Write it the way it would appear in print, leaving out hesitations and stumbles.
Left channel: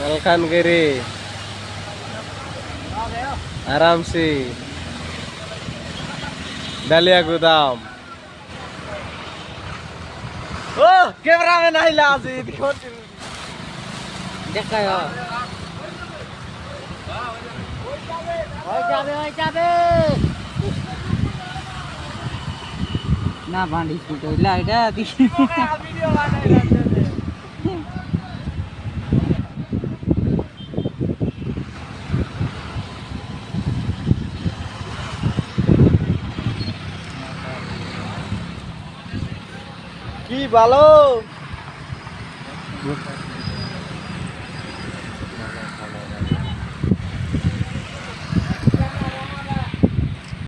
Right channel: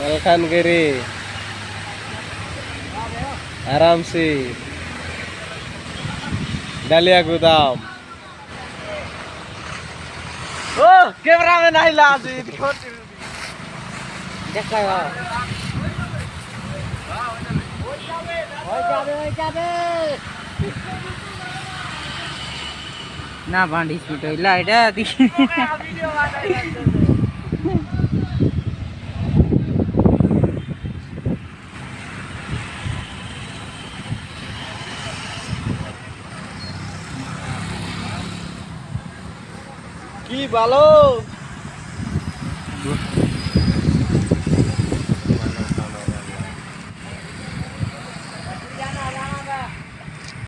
मलकानगिरी आराम से डालिया गोदाम ओ कैमरा में नहीं ला देखा ना भांडी छूट लाइट কি ভালো